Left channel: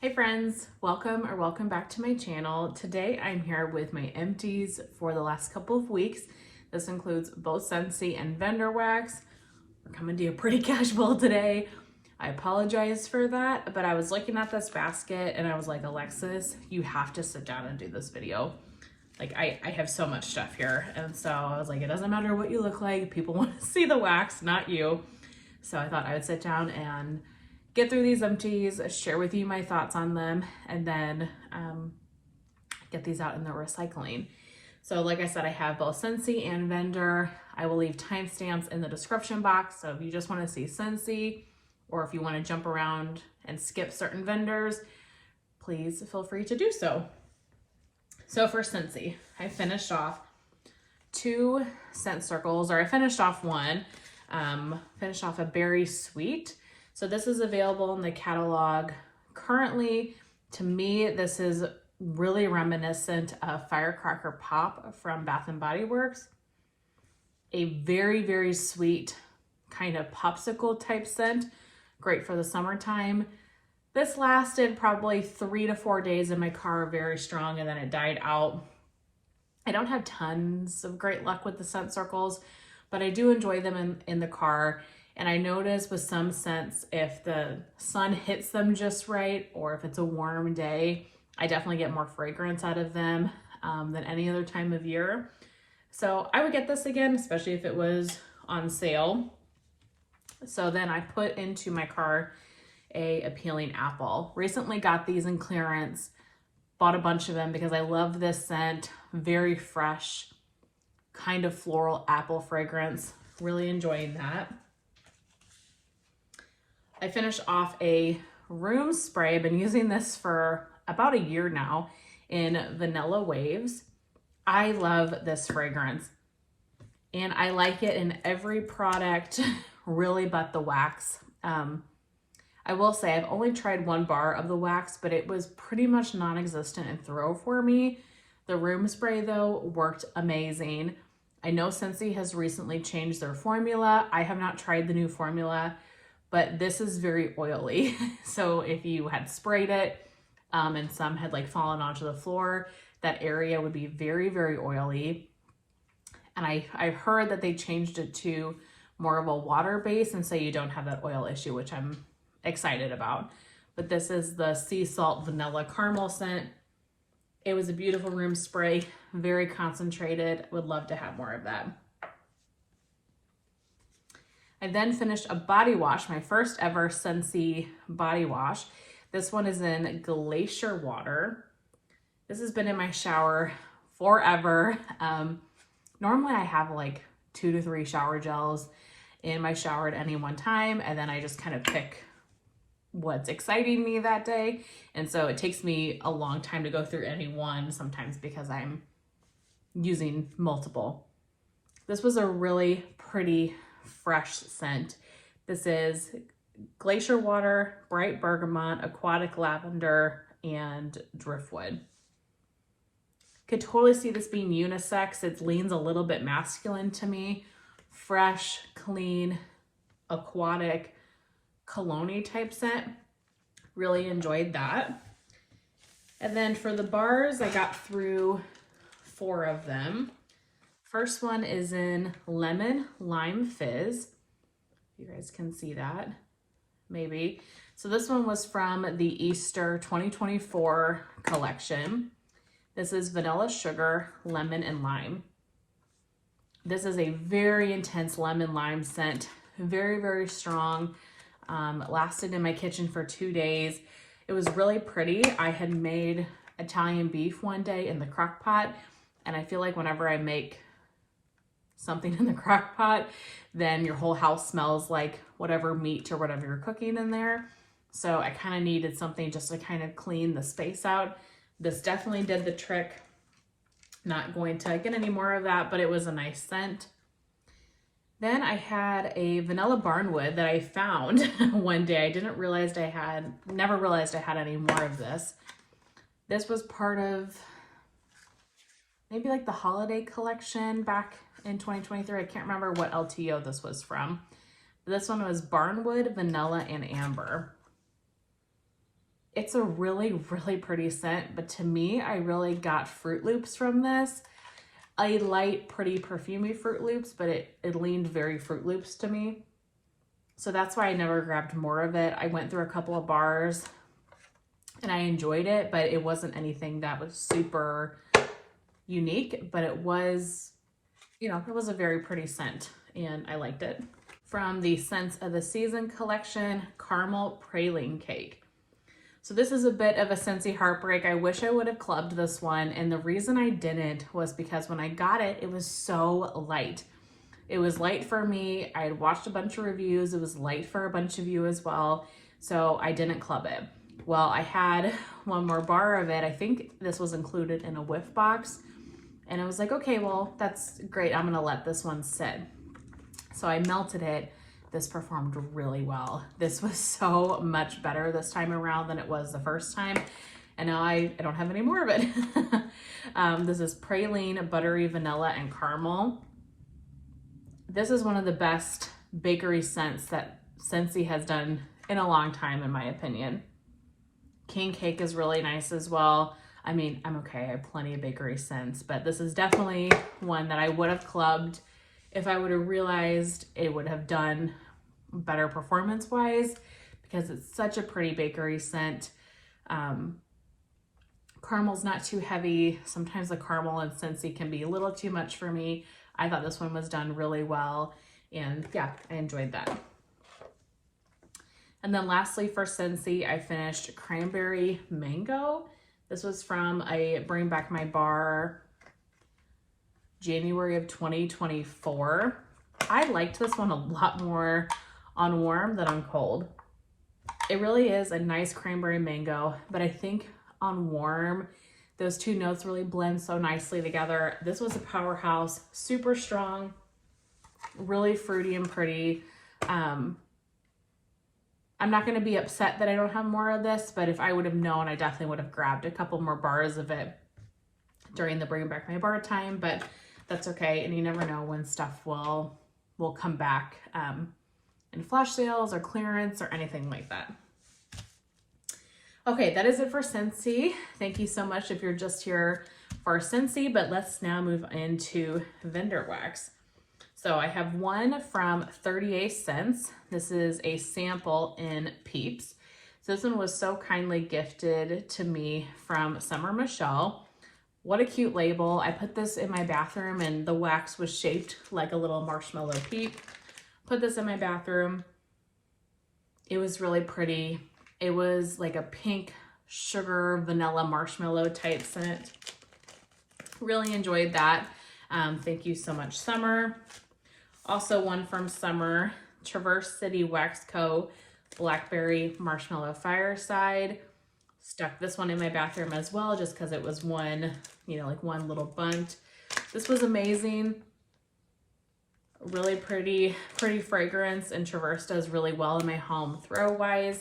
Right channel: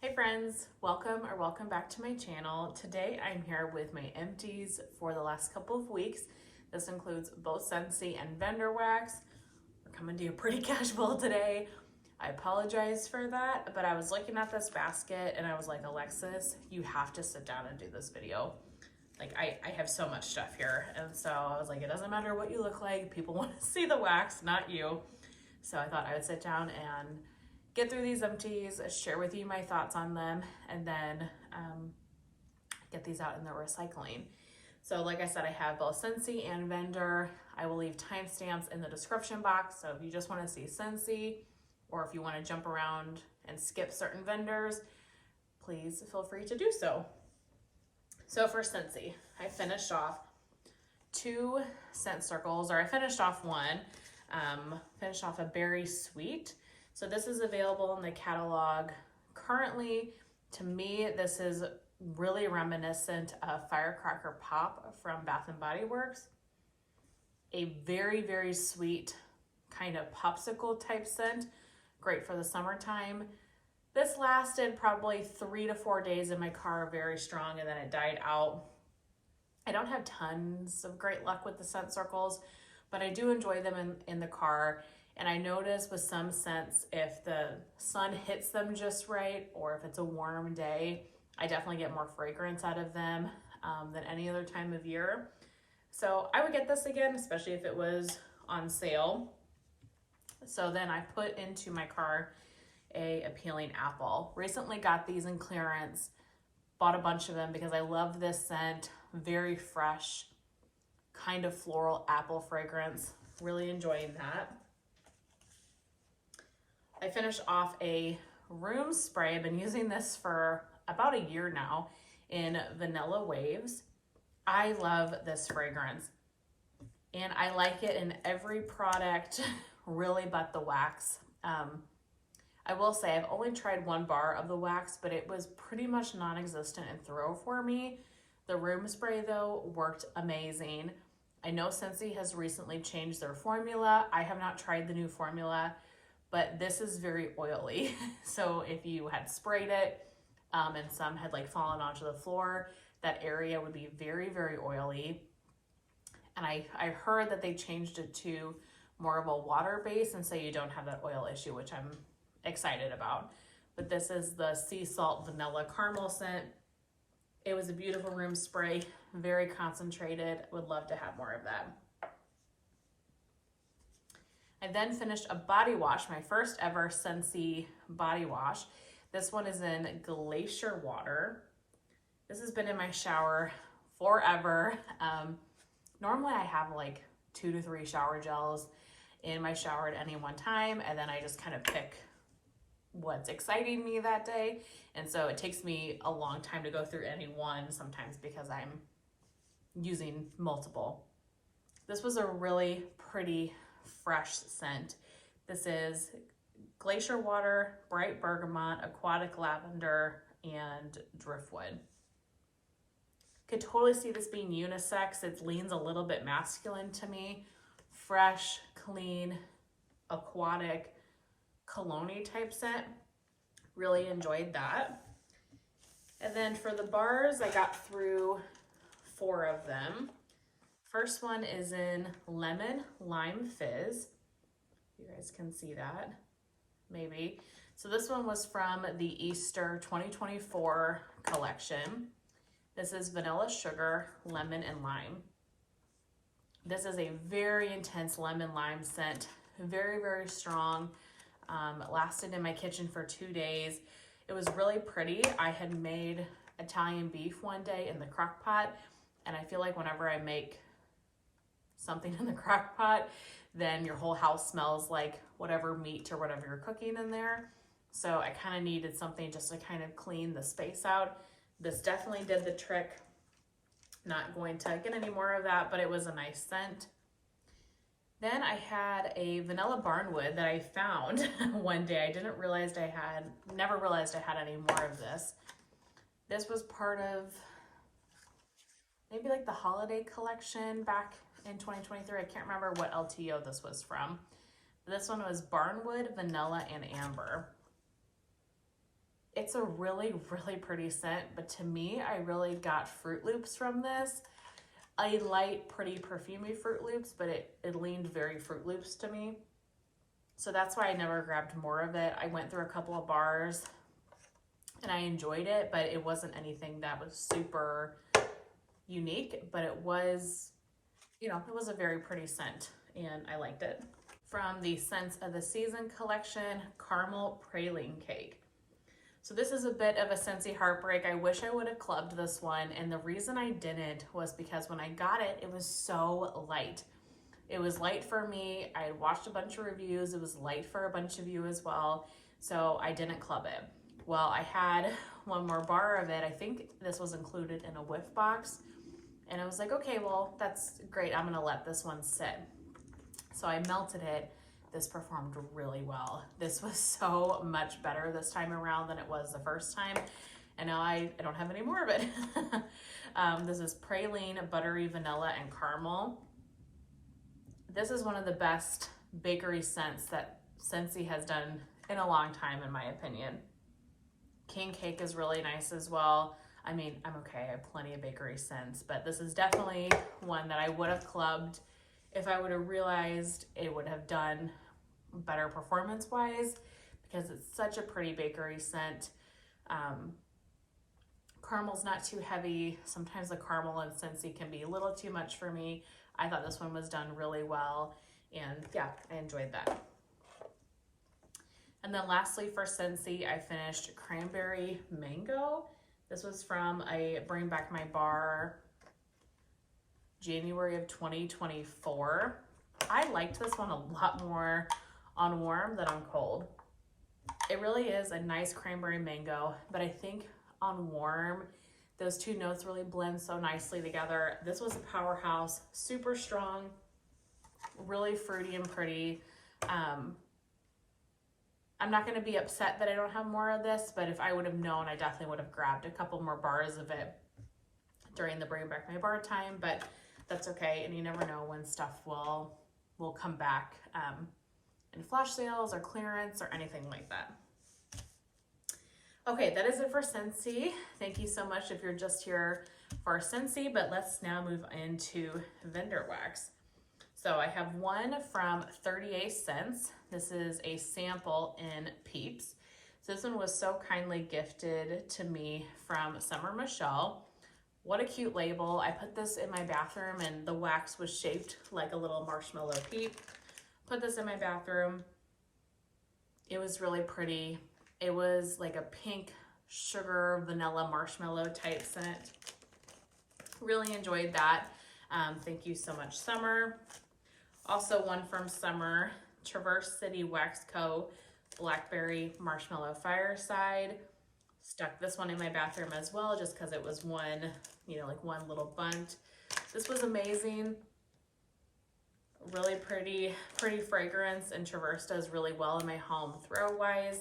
Hey friends, welcome back to my channel. Today I'm here with my empties for the last couple of weeks. This includes both Scentsy and Lavender wax. We're coming to you pretty casual today. I apologize for that, but I was looking at this basket and I was like, Alexis, you have to sit down and do this video. Like I have so much stuff here. And so I was like, it doesn't matter what you look like. People want to see the wax, not you. So I thought I would sit down and get through these empties, share with you my thoughts on them, and then get these out in the recycling. So like I said, I have both Scentsy and Lavender. I will leave timestamps in the description box. So if you just want to see Scentsy, or if you want to jump around and skip certain vendors, please feel free to do so. So for Scentsy, I finished off 2 scent circles, or I finished off one, finished off a berry sweet. So this is available in the catalog. Currently, to me, this is really reminiscent of Firecracker Pop from Bath and Body Works. A very, very sweet kind of popsicle type scent. Great for the summertime. This lasted probably 3 to 4 days in my car, very strong, and then it died out. I don't have tons of great luck with the scent circles, but I do enjoy them in the car. And I notice with some scents, if the sun hits them just right, or if it's a warm day, I definitely get more fragrance out of them than any other time of year. So I would get this again, especially if it was on sale. So then I put into my car a Appealing Apple. Recently got these in clearance, bought a bunch of them because I love this scent. Very fresh, kind of floral apple fragrance. Really enjoying that. I finished off a room spray. I've been using this for about a year now in Vanilla Waves. I love this fragrance and I like it in every product really but the wax. I will say I've only tried 1 bar of the wax, but it was pretty much non-existent in throw for me. The room spray though worked amazing. I know Scentsy has recently changed their formula. I have not tried the new formula, but this is very oily. So if you had sprayed it and some had like fallen onto the floor, that area would be very, very oily. And I heard that they changed it to more of a water base, and so you don't have that oil issue, which I'm excited about. But this is the Sea Salt Vanilla Caramel scent. It was a beautiful room spray, very concentrated. Would love to have more of that. I then finished a body wash, my first ever Scentsy body wash. This one is in Glacier Water. This has been in my shower forever. Normally I have like 2 to 3 shower gels in my shower at any one time, and then I just kind of pick what's exciting me that day. And so it takes me a long time to go through any one, sometimes because I'm using multiple. This was a really pretty fresh scent. This is Glacier Water, Bright Bergamot, Aquatic Lavender, and Driftwood. Could totally see this being unisex. It leans a little bit masculine to me. Fresh, clean, aquatic, cologne-y type scent. Really enjoyed that. And then for the bars, I got through 4 of them. First one is in Lemon Lime Fizz. You guys can see that, maybe. So this one was from the Easter 2024 collection. This is Vanilla Sugar, Lemon, and Lime. This is a very intense lemon lime scent. Very, very strong. Lasted in my kitchen for 2 days. It was really pretty. I had made Italian beef one day in the crock pot, and I feel like whenever I make something in the crock pot, then your whole house smells like whatever meat or whatever you're cooking in there. So I kind of needed something just to kind of clean the space out. This definitely did the trick. Not going to get any more of that, but it was a nice scent. Then I had a vanilla barnwood that I found one day. I never realized I had any more of this. This was part of maybe like the holiday collection back in 2023. I can't remember what LTO this was from. This one was Barnwood, Vanilla, and Amber. It's a really, really pretty scent, but to me, I really got Fruit Loops from this. A light, pretty perfumey Fruit Loops, but it leaned very Fruit Loops to me. So that's why I never grabbed more of it. I went through a couple of bars and I enjoyed it, but it wasn't anything that was super unique, but it was, you know, it was a very pretty scent and I liked it. From the Scents of the Season collection, Caramel Praline Cake. So this is a bit of a Scentsy heartbreak. I wish I would have clubbed this one, and the reason I didn't was because when I got it, it was so light. It was light for me. I had watched a bunch of reviews. It was light for a bunch of you as well, so I didn't club it. Well, I had one more bar of it. I think this was included in a whiff box, and I was like, okay, well, that's great. I'm gonna let this one sit. So I melted it. This performed really well. This was so much better this time around than it was the first time. And now I don't have any more of it. This is praline, buttery, vanilla, and caramel. This is one of the best bakery scents that Scentsy has done in a long time, in my opinion. King Cake is really nice as well. I mean, I'm okay, I have plenty of bakery scents, but this is definitely one that I would have clubbed if I would have realized it would have done better performance-wise, because it's such a pretty bakery scent. Caramel's not too heavy. Sometimes the caramel in Scentsy can be a little too much for me. I thought this one was done really well, and yeah, I enjoyed that. And then lastly for Scentsy, I finished Cranberry Mango. This was from a Bring Back My Bar January of 2024. I liked this one a lot more on warm than on cold. It really is a nice cranberry mango, but I think on warm, those two notes really blend so nicely together. This was a powerhouse, super strong, really fruity and pretty. I'm not going to be upset that I don't have more of this, but if I would have known, I definitely would have grabbed a couple more bars of it during the Bring Back My Bar time, but that's okay. And you never know when stuff will come back in flash sales or clearance or anything like that. Okay, that is it for Scentsy. Thank you so much if you're just here for Scentsy, but let's now move into vendor wax. So I have one from 38 Cents. This is a sample in Peeps. So this one was so kindly gifted to me from Summer Michelle. What a cute label. I put this in my bathroom and the wax was shaped like a little marshmallow peep. Put this in my bathroom. It was really pretty. It was like a pink sugar vanilla marshmallow type scent. Really enjoyed that. Thank you so much, Summer. Also one from Summer, Traverse City Wax Co. Blackberry Marshmallow Fireside. Stuck this one in my bathroom as well, just because it was one, you know, like one little bunt. This was amazing. Really pretty fragrance, and Traverse does really well in my home throw wise.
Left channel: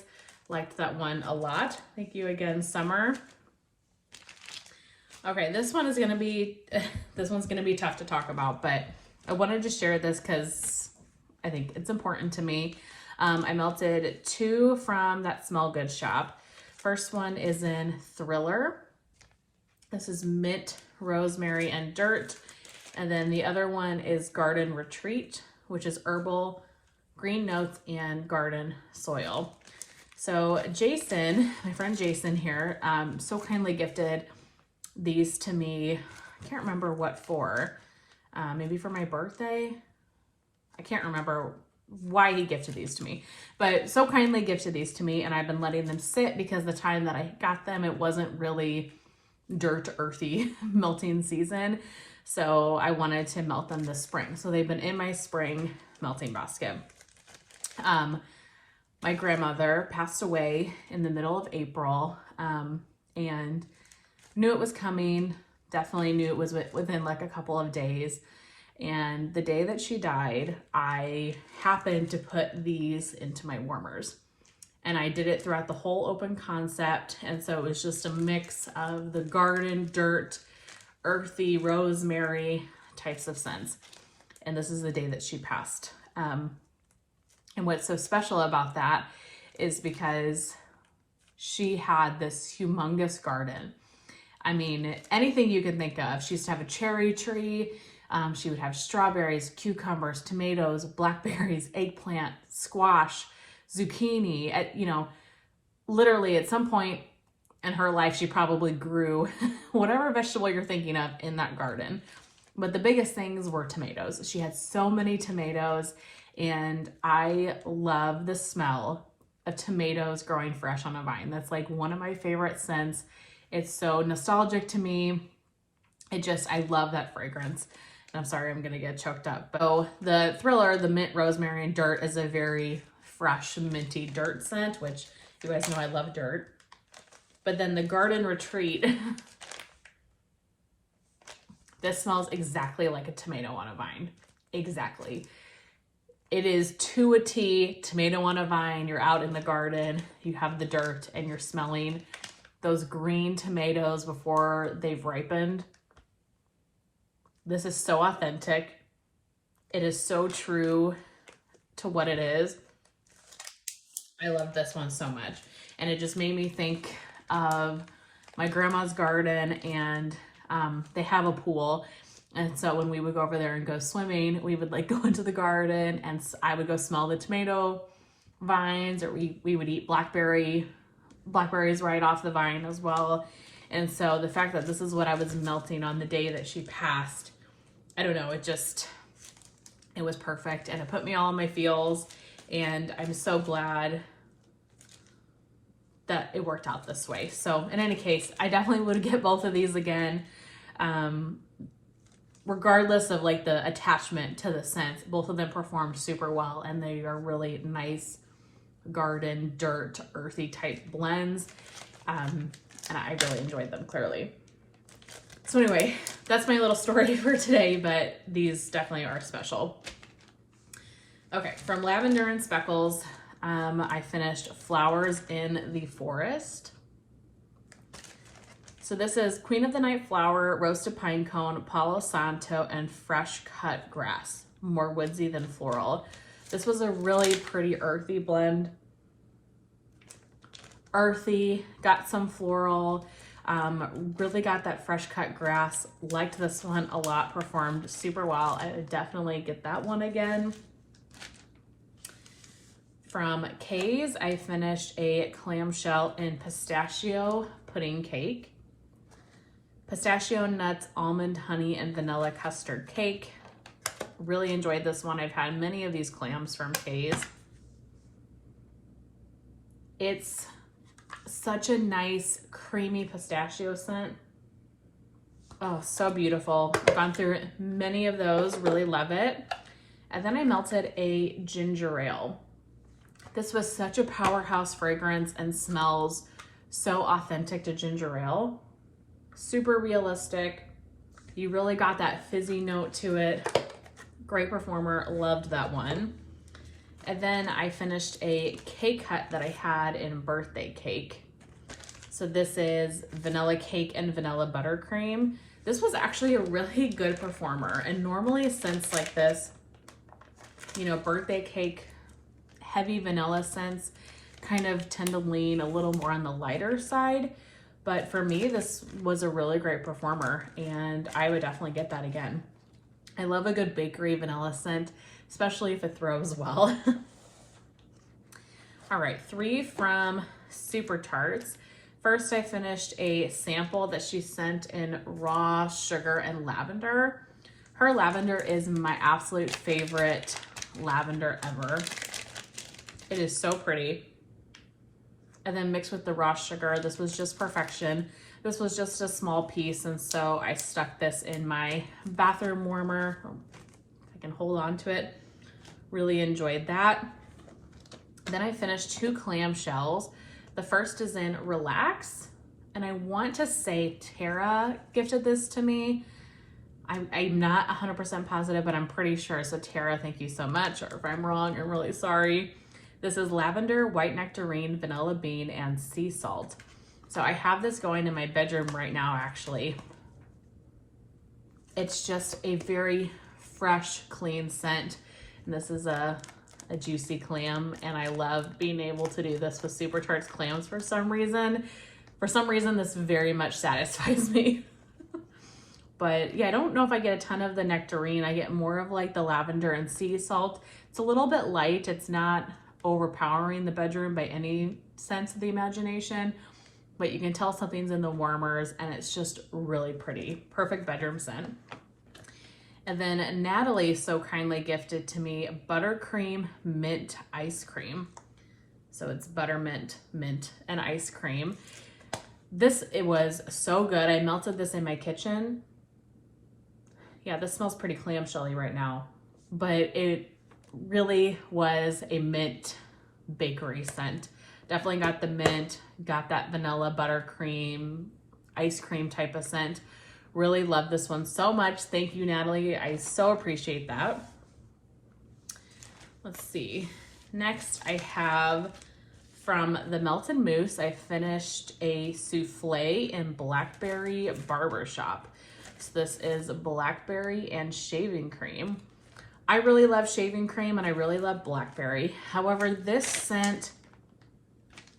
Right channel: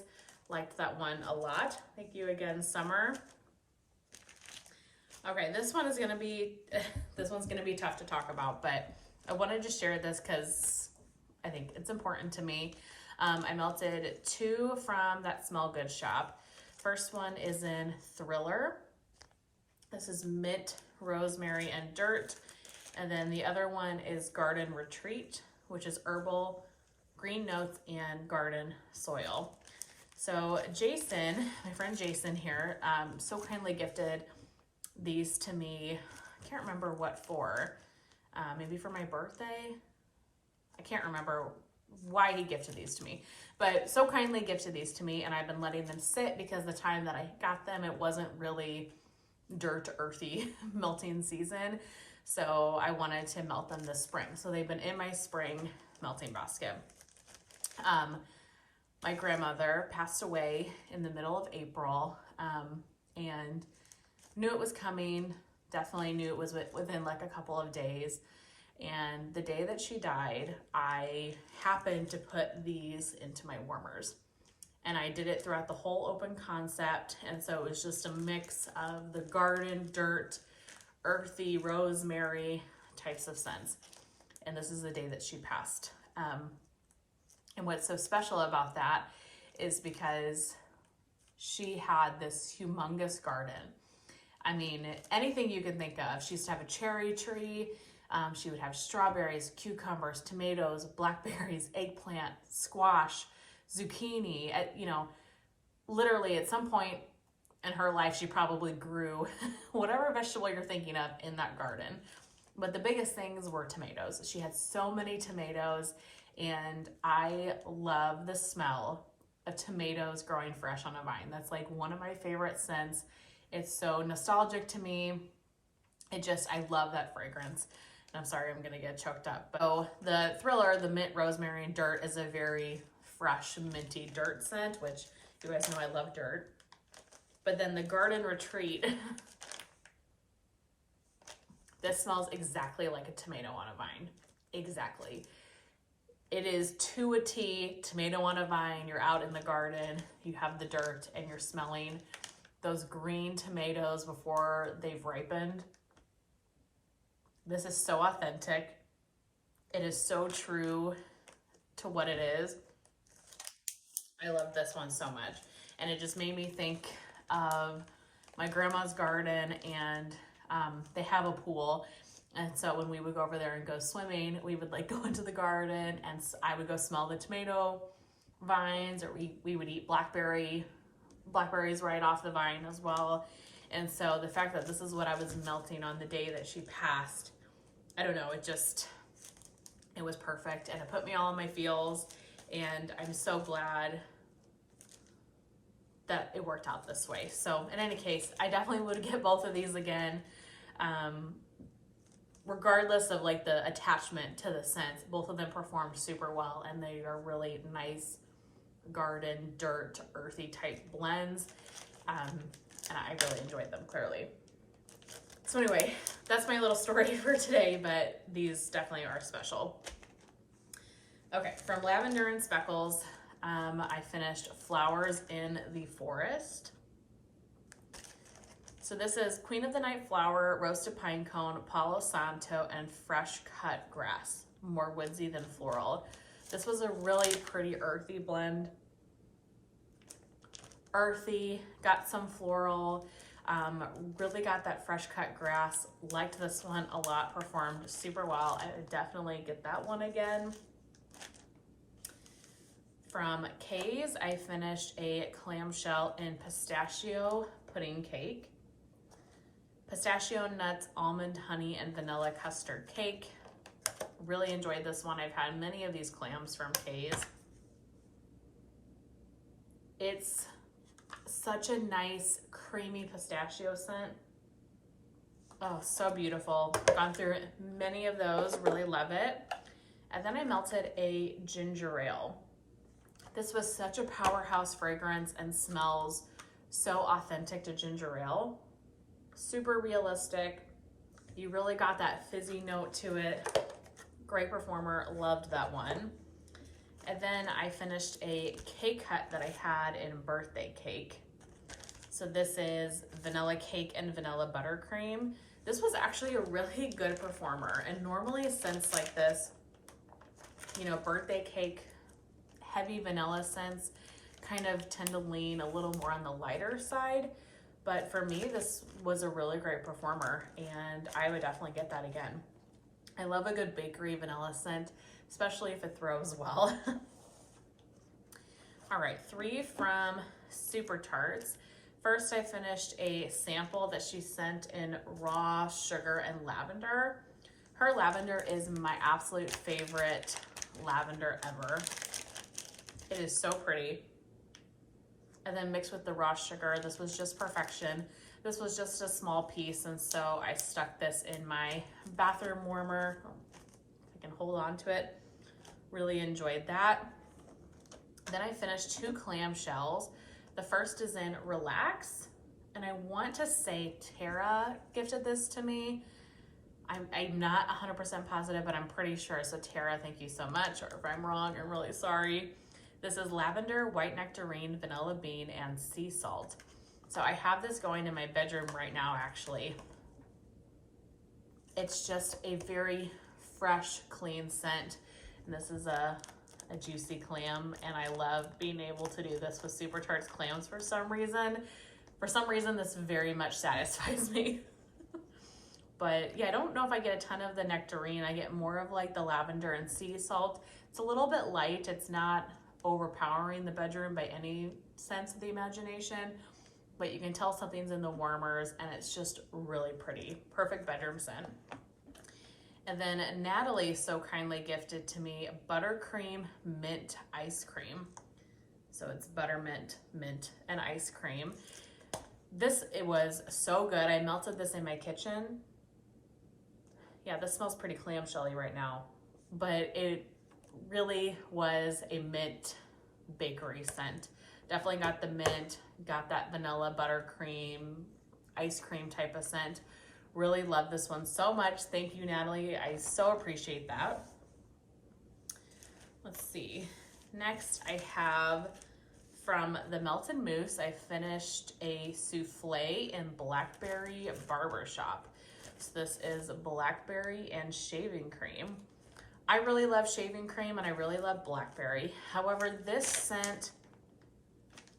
Liked that one a lot. Thank you again, Summer. Okay, this one's gonna be tough to talk about, but I wanted to share this because I think it's important to me. I melted two from that Smell Good shop. First one is in Thriller. This is Mint, Rosemary, and Dirt. And then the other one is Garden Retreat, which is herbal, green notes, and garden soil. So Jason, my friend Jason here, so kindly gifted these to me. I can't remember what for. Maybe for my birthday. I can't remember why he gifted these to me, but so kindly gifted these to me, and I've been letting them sit because the time that I got them, it wasn't really dirt earthy melting season. So I wanted to melt them this spring. So they've been in my spring melting basket. My grandmother passed away in the middle of April, and knew it was coming. Definitely knew it was within like a couple of days. And the day that she died, I happened to put these into my warmers. And I did it throughout the whole open concept. And so it was just a mix of the garden, dirt, earthy, rosemary types of scents. And this is the day that she passed. And what's so special about that is because she had this humongous garden. I mean, anything you can think of. She used to have a cherry tree. She would have strawberries, cucumbers, tomatoes, blackberries, eggplant, squash, zucchini. You know, literally at some point in her life, she probably grew whatever vegetable you're thinking of in that garden. But the biggest things were tomatoes. She had so many tomatoes, and I love the smell of tomatoes growing fresh on a vine. That's like one of my favorite scents. It's so nostalgic to me. I love that fragrance. And I'm sorry, I'm gonna get choked up. So the Thriller, the mint, rosemary, and dirt is a very fresh, minty dirt scent, which you guys know I love dirt. But then the Garden Retreat, this smells exactly like a tomato on a vine. Exactly. It is to a T, tomato on a vine. You're out in the garden, you have the dirt, and you're smelling those green tomatoes before they've ripened. This is so authentic. It is so true to what it is. I love this one so much. And it just made me think of my grandma's garden, and they have a pool. And so when we would go over there and go swimming, we would like go into the garden, and I would go smell the tomato vines, or we would eat blackberries right off the vine as well. And so the fact that this is what I was melting on the day that she passed, I don't know, it was perfect, and it put me all in my feels, and I'm so glad that it worked out this way. So in any case, I definitely would get both of these again. Regardless of like the attachment to the scents, both of them performed super well, and they are really nice garden, dirt, earthy type blends. And I really enjoyed them, clearly. So anyway, that's my little story for today, but these definitely are special. Okay, from Lavender and Speckles, I finished Flowers in the Forest. So this is Queen of the Night Flower, Roasted Pine Cone, Palo Santo, and Fresh Cut Grass. More woodsy than floral. This was a really pretty earthy blend. Earthy, got some floral, really got that fresh cut grass. Liked this one a lot, performed super well. I would definitely get that one again. From Kay's, I finished a clamshell and pistachio pudding cake. Pistachio nuts, almond, honey, and vanilla custard cake. Really enjoyed this one. I've had many of these clams from Kay's. It's such a nice creamy pistachio scent. Oh, so beautiful. I've gone through many of those, really love it. And then I melted a ginger ale. This was such a powerhouse fragrance and smells so authentic to ginger ale. Super realistic. You really got that fizzy note to it. Great performer, loved that one. And then I finished a cake cut that I had in birthday cake. So this is vanilla cake and vanilla buttercream. This was actually a really good performer. And normally scents like this, you know, birthday cake, heavy vanilla scents kind of tend to lean a little more on the lighter side. But for me, this was a really great performer, and I would definitely get that again. I love a good bakery vanilla scent, especially if it throws well. All right, 3 from Super Tarts. First, I finished a sample that she sent in raw sugar and lavender. Her lavender is my absolute favorite lavender ever. It is so pretty. And then mixed with the raw sugar, this was just perfection. This was just a small piece, and so I stuck this in my bathroom warmer. I can hold on to it. Really enjoyed that. Then I finished 2 clamshells. The first is in Relax, and I want to say Tara gifted this to me. I'm not 100% positive, but I'm pretty sure. So Tara, thank you so much. Or if I'm wrong, I'm really sorry. This is lavender, white nectarine, vanilla bean, and sea salt. So I have this going in my bedroom right now, actually. It's just a very fresh, clean scent. And this is a a juicy clam, and I love being able to do this with Super Tarts clams for some reason. For some reason, this very much satisfies me. But yeah, I don't know if I get a ton of the nectarine. I get more of like the lavender and sea salt. It's a little bit light. It's not overpowering the bedroom by any sense of the imagination, but you can tell something's in the warmers, and it's just really pretty. Perfect bedroom scent. And then Natalie so kindly gifted to me buttercream mint ice cream. So it's buttermint, mint, and ice cream. It was so good. I melted this in my kitchen. Yeah, this smells pretty clamshelly right now, but it really was a mint bakery scent. Definitely got the mint, got that vanilla buttercream, ice cream type of scent. Really love this one so much. Thank you, Natalie. I so appreciate that. Let's see. Next, I have from the Melted Mousse, I finished a souffle in Blackberry Barbershop. So this is blackberry and shaving cream. I really love shaving cream and I really love blackberry. However, this scent,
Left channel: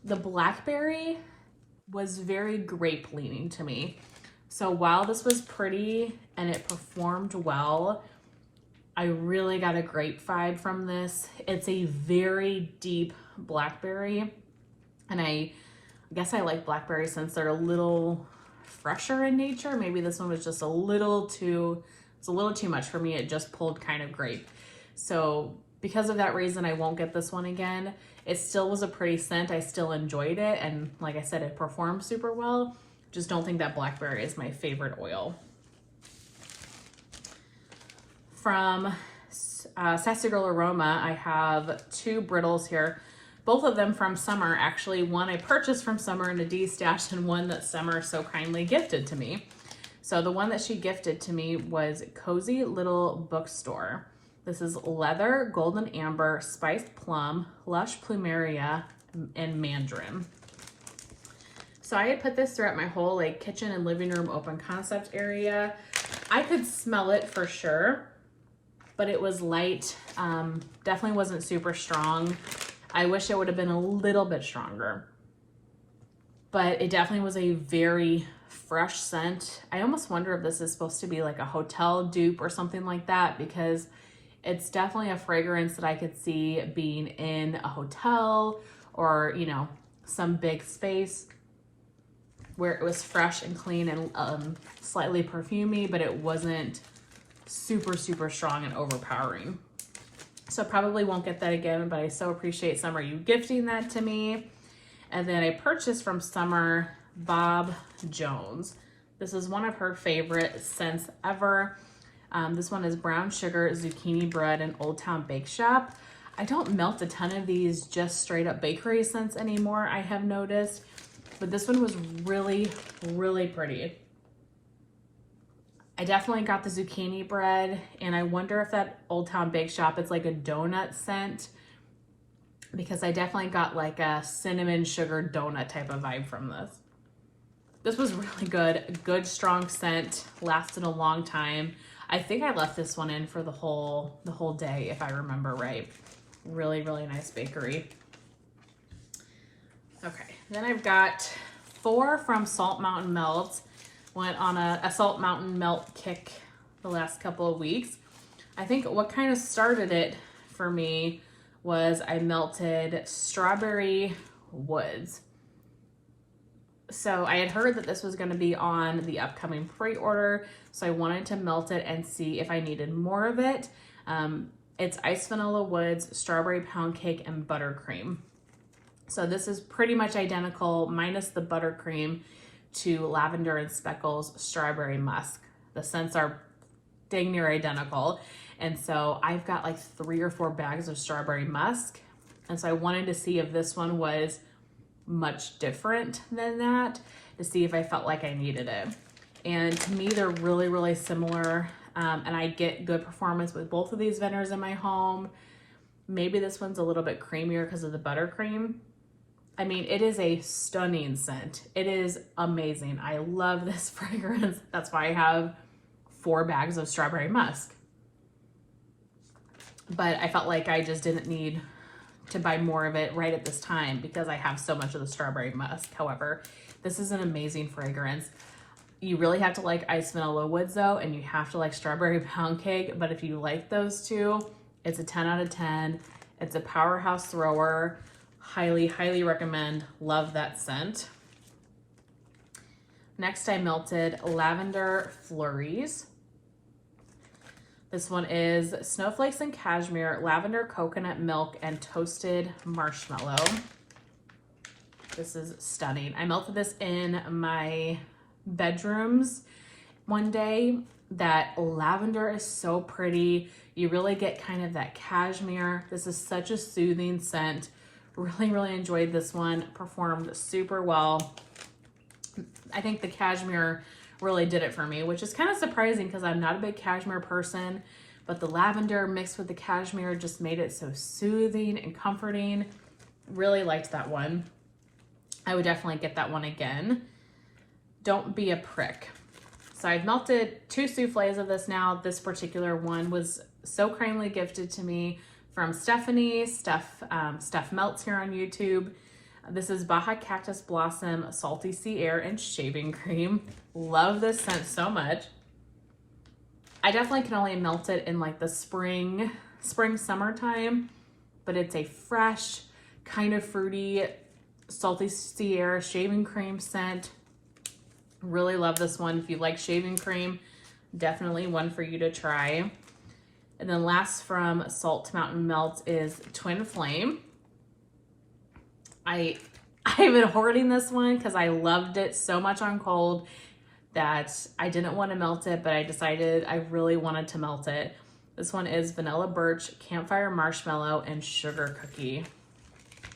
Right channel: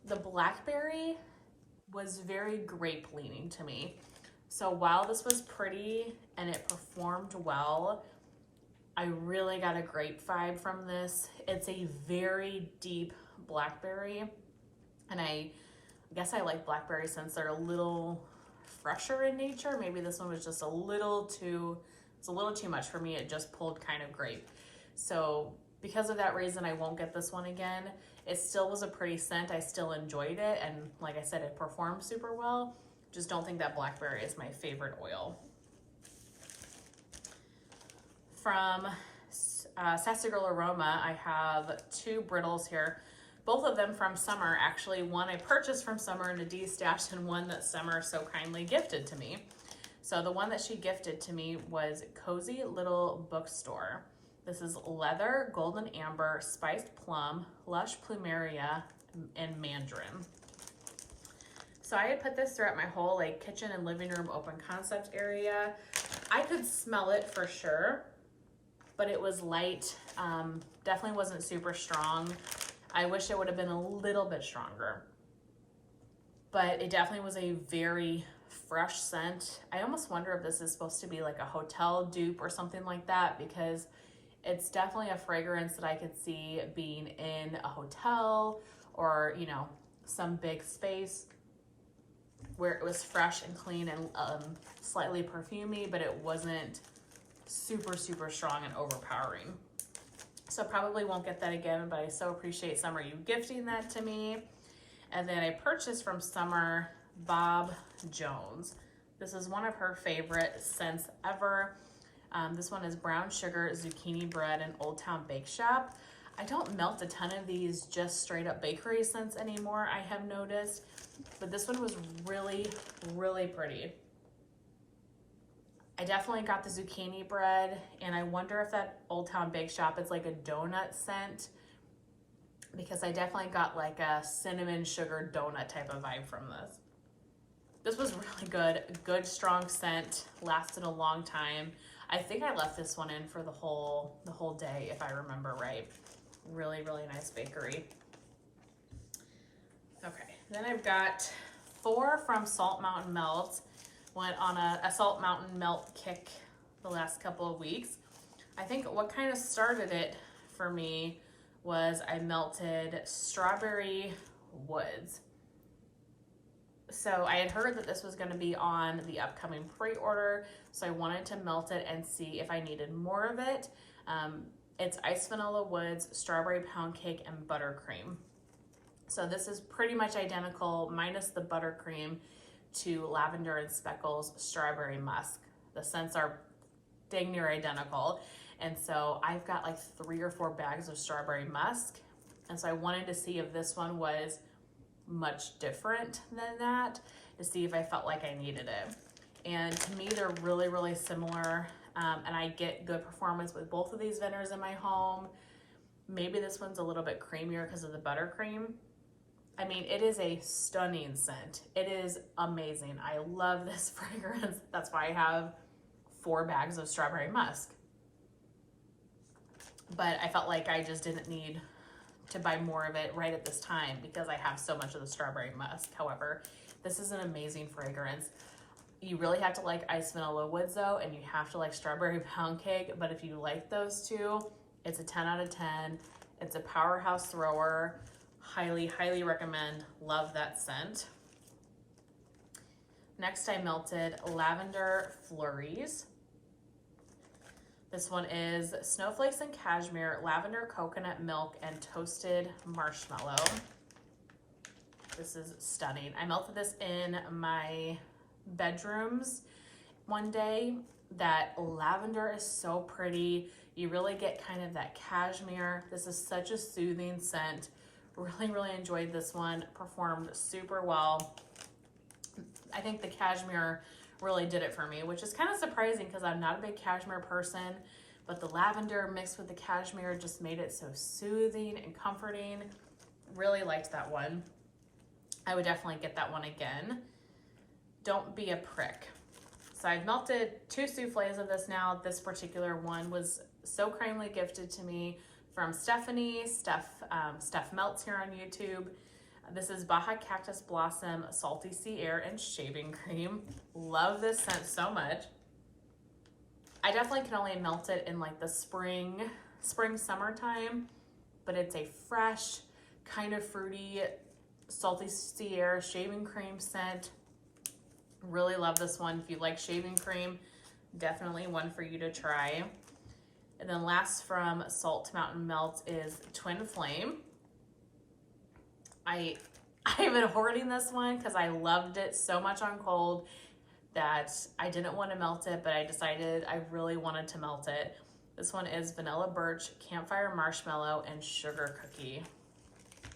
the blackberry was very grape leaning to me. So while this was pretty and it performed well, I really got a grape vibe from this. It's a very deep blackberry, and I guess I like blackberry since they're a little fresher in nature. Maybe this one was just a little too much for me. It just pulled kind of grape. So because of that reason, I won't get this one again. It still was a pretty scent. I still enjoyed it. And like I said, it performed super well. Just don't think that blackberry is my favorite oil. From Sassy Girl Aroma, I have two brittles here. Both of them from Summer, actually. One I purchased from Summer in a D-stash, and one that Summer so kindly gifted to me. So the one that she gifted to me was Cozy Little Bookstore. This is leather, golden amber, spiced plum, lush plumeria, and mandarin. So I had put this throughout my whole like kitchen and living room open concept area. I could smell it for sure, but it was light. Definitely wasn't super strong. I wish it would have been a little bit stronger, but it definitely was a very fresh scent. I almost wonder if this is supposed to be like a hotel dupe or something like that, because it's definitely a fragrance that I could see being in a hotel or, you know, some big space where it was fresh and clean and slightly perfumey, but it wasn't super, super strong and overpowering. So probably won't get that again, but I so appreciate Summer you gifting that to me. And then I purchased from Summer Bob Jones. This is one of her favorite scents ever. This one is brown sugar, zucchini bread, and Old Town Bake Shop. I don't melt a ton of these just straight up bakery scents anymore, I have noticed, but this one was really, really pretty. I definitely got the zucchini bread, and I wonder if that Old Town Bake Shop, it's like a donut scent, because I definitely got like a cinnamon sugar donut type of vibe from this. This was really good, good strong scent, lasted a long time. I think I left this one in for the whole day, if I remember right. Really, really nice bakery. Okay, then I've got 4 from Salt Mountain Melt. Went on a Salt Mountain Melt kick the last couple of weeks. I think what kind of started it for me was I melted Strawberry Woods. So I had heard that this was going to be on the upcoming pre-order, so I wanted to melt it and see if I needed more of it. It's Iced Vanilla Woods, Strawberry Pound Cake, and Buttercream. So this is pretty much identical, minus the buttercream, to Lavender and Speckles Strawberry Musk. The scents are dang near identical. And so I've got like 3 or 4 bags of Strawberry Musk. And so I wanted to see if this one was much different than that, to see if I felt like I needed it. And to me, they're really, really similar. And I get good performance with both of these vendors in my home. Maybe this one's a little bit creamier because of the buttercream. I mean, it is a stunning scent. It is amazing. I love this fragrance. That's why I have 4 bags of Strawberry Musk. but I felt like I just didn't need to buy more of it right at this time because I have so much of the strawberry musk. However, this is an amazing fragrance. You really have to like iced vanilla woods though, and you have to like strawberry pound cake, but if you like those two, it's a 10 out of 10. It's a powerhouse thrower. Highly, highly recommend. Love that scent. Next, I melted Lavender Flurries. This one is snowflakes and cashmere, lavender, coconut milk, and toasted marshmallow. This is stunning. I melted this in my bedrooms one day. That lavender is so pretty. You really get kind of that cashmere. This is such a soothing scent. Really, really enjoyed this one. Performed super well. I think the cashmere really did it for me, which is kind of surprising because I'm not a big cashmere person, but the lavender mixed with the cashmere just made it so soothing and comforting. Really liked that one. I would definitely get that one again. Don't be a prick. So I've melted 2 soufflés of this now. This particular one was so kindly gifted to me from Stephanie. Steph Melts here on YouTube. This is Baja Cactus Blossom, Salty Sea Air, and Shaving Cream. Love this scent so much. I definitely can only melt it in like the spring, summertime, but it's a fresh, kind of fruity, Salty Sea Air, Shaving Cream scent. Really love this one. If you like shaving cream, definitely one for you to try. And then last from Salt Mountain Melt is Twin Flame. I've been hoarding this one because I loved it so much on cold that I didn't want to melt it, but I decided I really wanted to melt it. This one is Vanilla Birch, Campfire Marshmallow, and Sugar Cookie.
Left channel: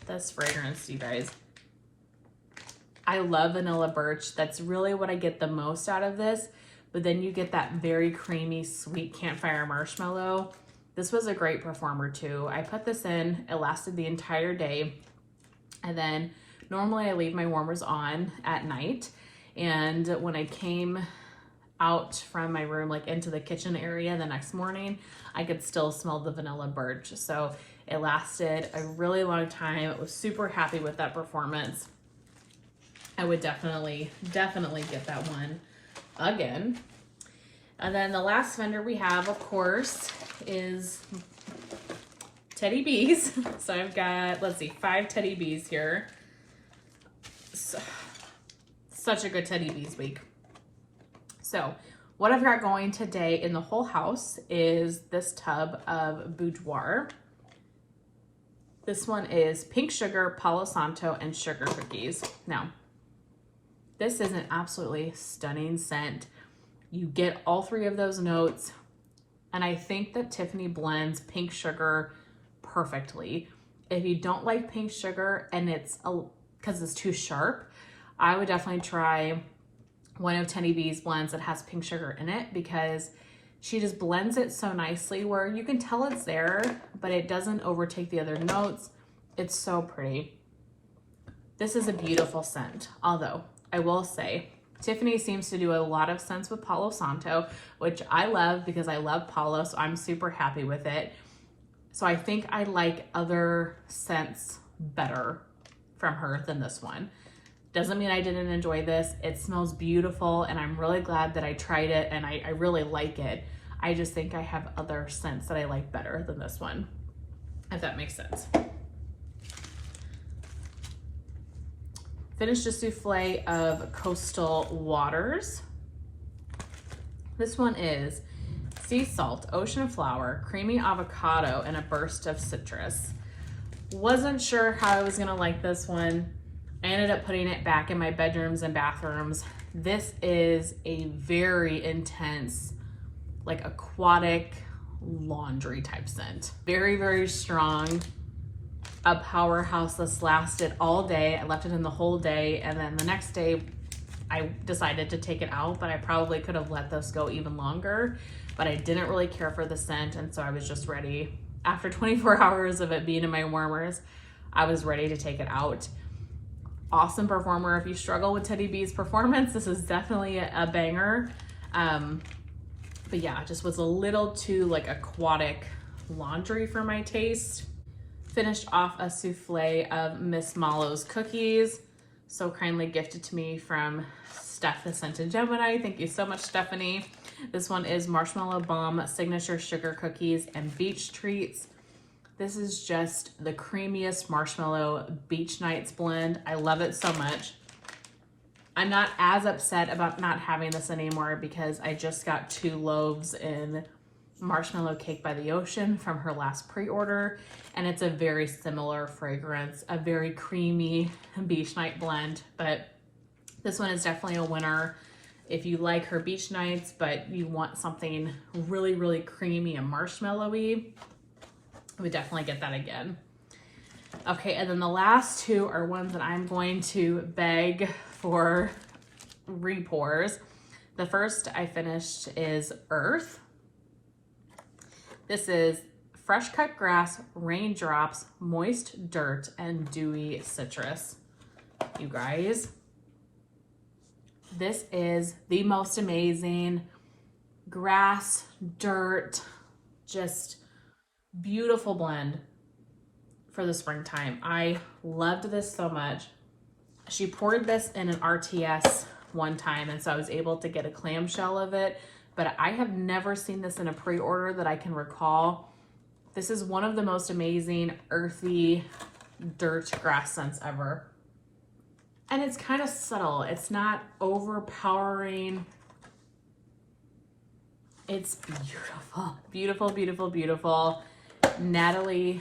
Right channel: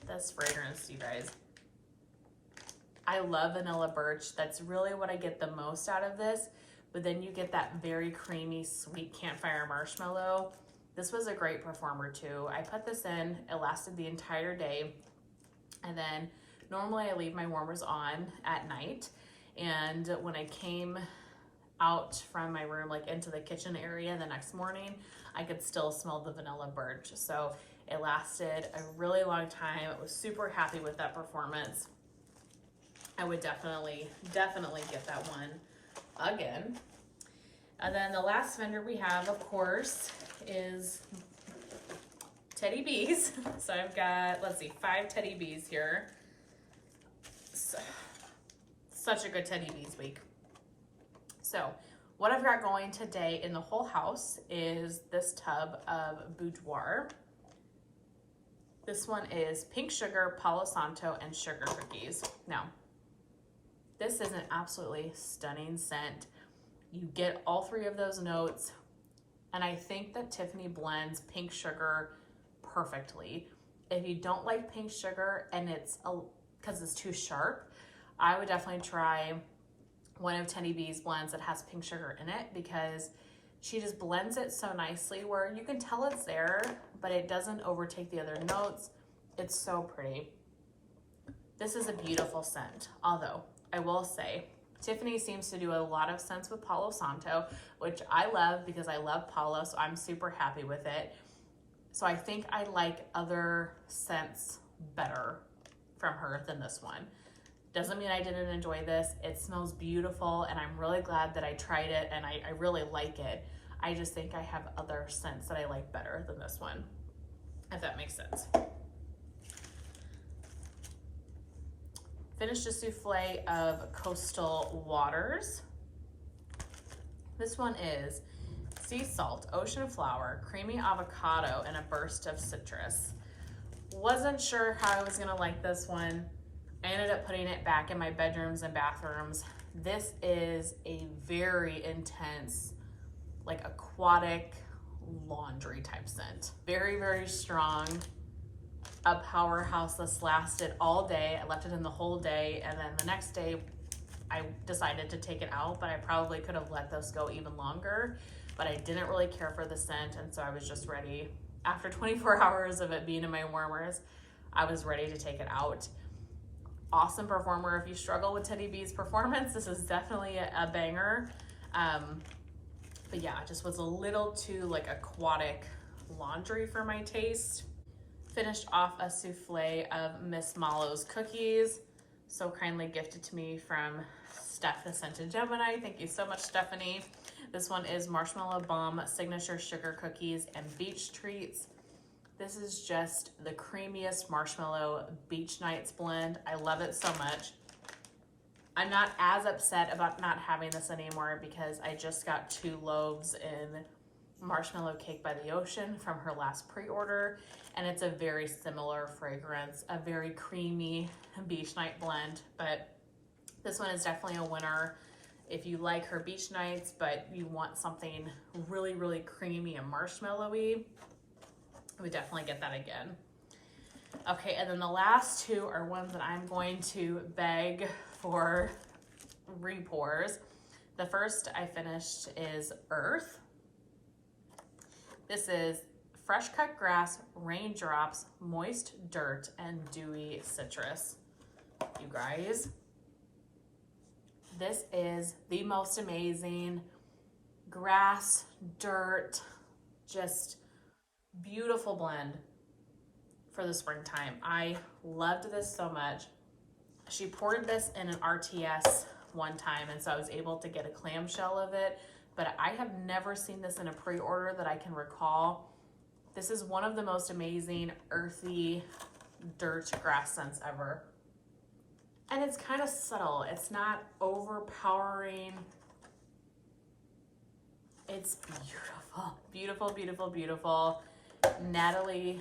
This fragrance, you guys. I love Vanilla Birch. That's really what I get the most out of this. But then you get that very creamy, sweet Campfire Marshmallow. This was a great performer too. I put this in, it lasted the entire day. And then normally I leave my warmers on at night. And when I came out from my room, like into the kitchen area the next morning, I could still smell the Vanilla Birch. So it lasted a really long time. I was super happy with that performance. I would definitely get that one again. And then the last vendor we have, of course, is Teddy Bees. So I've got, let's see, 5 Teddy Bees here. So, such a good Teddy Bees week. So what I've got going today in the whole house is this tub of Boudoir. This one is Pink Sugar, Palo Santo, and Sugar Cookies. Now, this is an absolutely stunning scent. You get all 3 of those notes, and I think that Tiffany blends Pink Sugar perfectly. If you don't like Pink Sugar and because it's too sharp, I would definitely try one of Teddy B's blends that has Pink Sugar in it, because she just blends it so nicely where you can tell it's there, but it doesn't overtake the other notes. It's so pretty. This is a beautiful scent, although I will say Tiffany seems to do a lot of scents with Palo Santo, which I love because I love Palo, so I'm super happy with it. So I think I like other scents better from her than this one. Doesn't mean I didn't enjoy this. It smells beautiful, and I'm really glad that I tried it, and I really like it. I just think I have other scents that I like better than this one, if that makes sense. Finished a souffle of Coastal Waters. This one is sea salt, ocean flower, creamy avocado, and a burst of citrus. Wasn't sure how I was gonna like this one. I ended up putting it back in my bedrooms and bathrooms. This is a very intense, like aquatic laundry type scent. Very, very strong. A powerhouse. This lasted all day. I left it in the whole day, and then the next day I decided to take it out, but I probably could have let this go even longer, but I didn't really care for the scent, and so I was just ready. After 24 hours of it being in my warmers, I was ready to take it out. Awesome performer. If you struggle with Teddy B's performance, this is definitely a banger. But yeah, it just was a little too like aquatic laundry for my taste. Finished off a souffle of Miss Mallow's cookies, so kindly gifted to me from Steph the Scented Gemini. Thank you so much, Stephanie. This one is Marshmallow Bomb Signature Sugar Cookies and Beach Treats. This is just the creamiest marshmallow beach nights blend. I love it so much. I'm not as upset about not having this anymore because I just got 2 loaves in Marshmallow Cake by the Ocean from her last pre-order, and it's a very similar fragrance, a very creamy beach night blend, but this one is definitely a winner if you like her beach nights but you want something really, really creamy and marshmallowy. I would definitely get that again. Okay, and then the last 2 are ones that I'm going to beg for repours. The first I finished is Earth. This is fresh cut grass, raindrops, moist dirt, and dewy citrus. You guys, this is the most amazing grass, dirt, just beautiful blend for the springtime. I loved this so much. She poured this in an RTS one time, and so I was able to get a clamshell of it, but I have never seen this in a pre-order that I can recall. This is one of the most amazing earthy dirt grass scents ever. And it's kind of subtle. It's not overpowering. It's beautiful, beautiful, beautiful, beautiful. Natalie,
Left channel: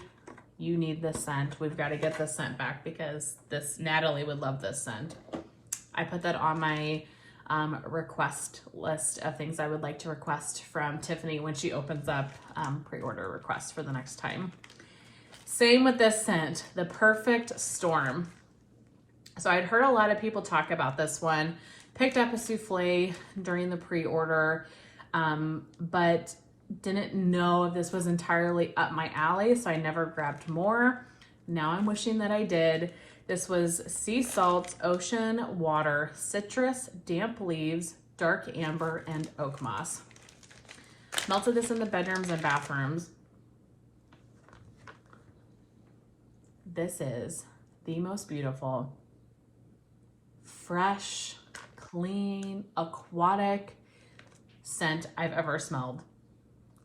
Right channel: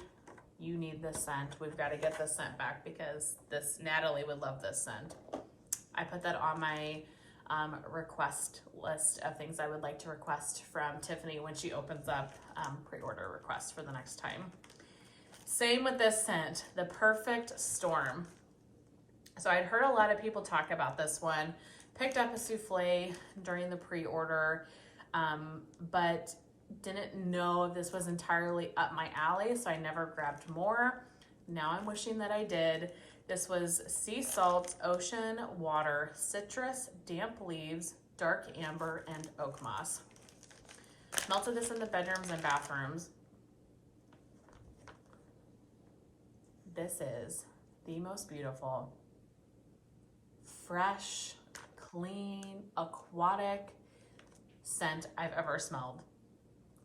you need this scent. We've got to get this scent back because Natalie would love this scent. I put that on my request list of things I would like to request from Tiffany when she opens up pre-order requests for the next time. Same with this scent, the Perfect Storm. So I'd heard a lot of people talk about this one, picked up a souffle during the pre-order, but didn't know if this was entirely up my alley, so I never grabbed more. Now I'm wishing that I did. This was sea salt, ocean water, citrus, damp leaves, dark amber, and oak moss. Melted this in the bedrooms and bathrooms. This is the most beautiful, fresh, clean, aquatic scent I've ever smelled.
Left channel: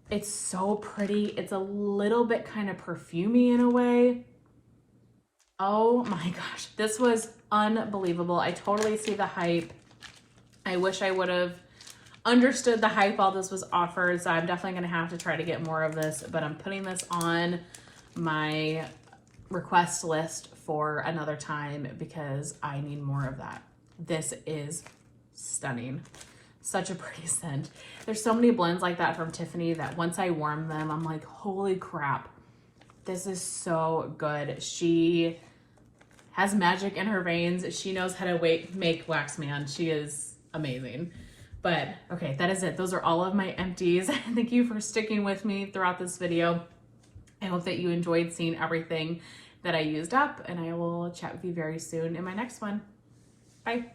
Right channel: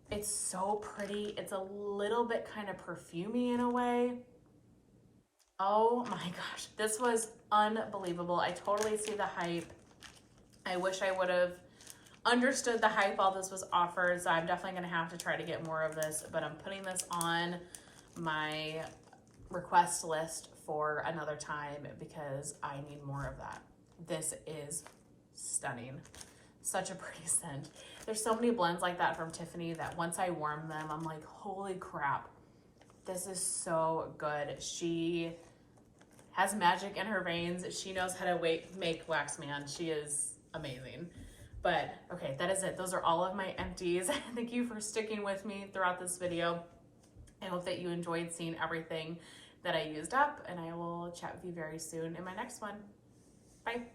It's so pretty. It's a little bit kind of perfumey in a way. Oh my gosh, this was unbelievable. I totally see the hype. I wish I would have understood the hype while this was offered, so I'm definitely gonna have to try to get more of this, but I'm putting this on my request list for another time because I need more of that. This is stunning. Such a pretty scent. There's so many blends like that from Tiffany that once I warm them, I'm like, holy crap. This is so good. She has magic in her veins. She knows how to make Wax Man. She is amazing. But okay, that is it. Those are all of my empties. Thank you for sticking with me throughout this video. I hope that you enjoyed seeing everything that I used up, and I will chat with you very soon in my next one. Bye.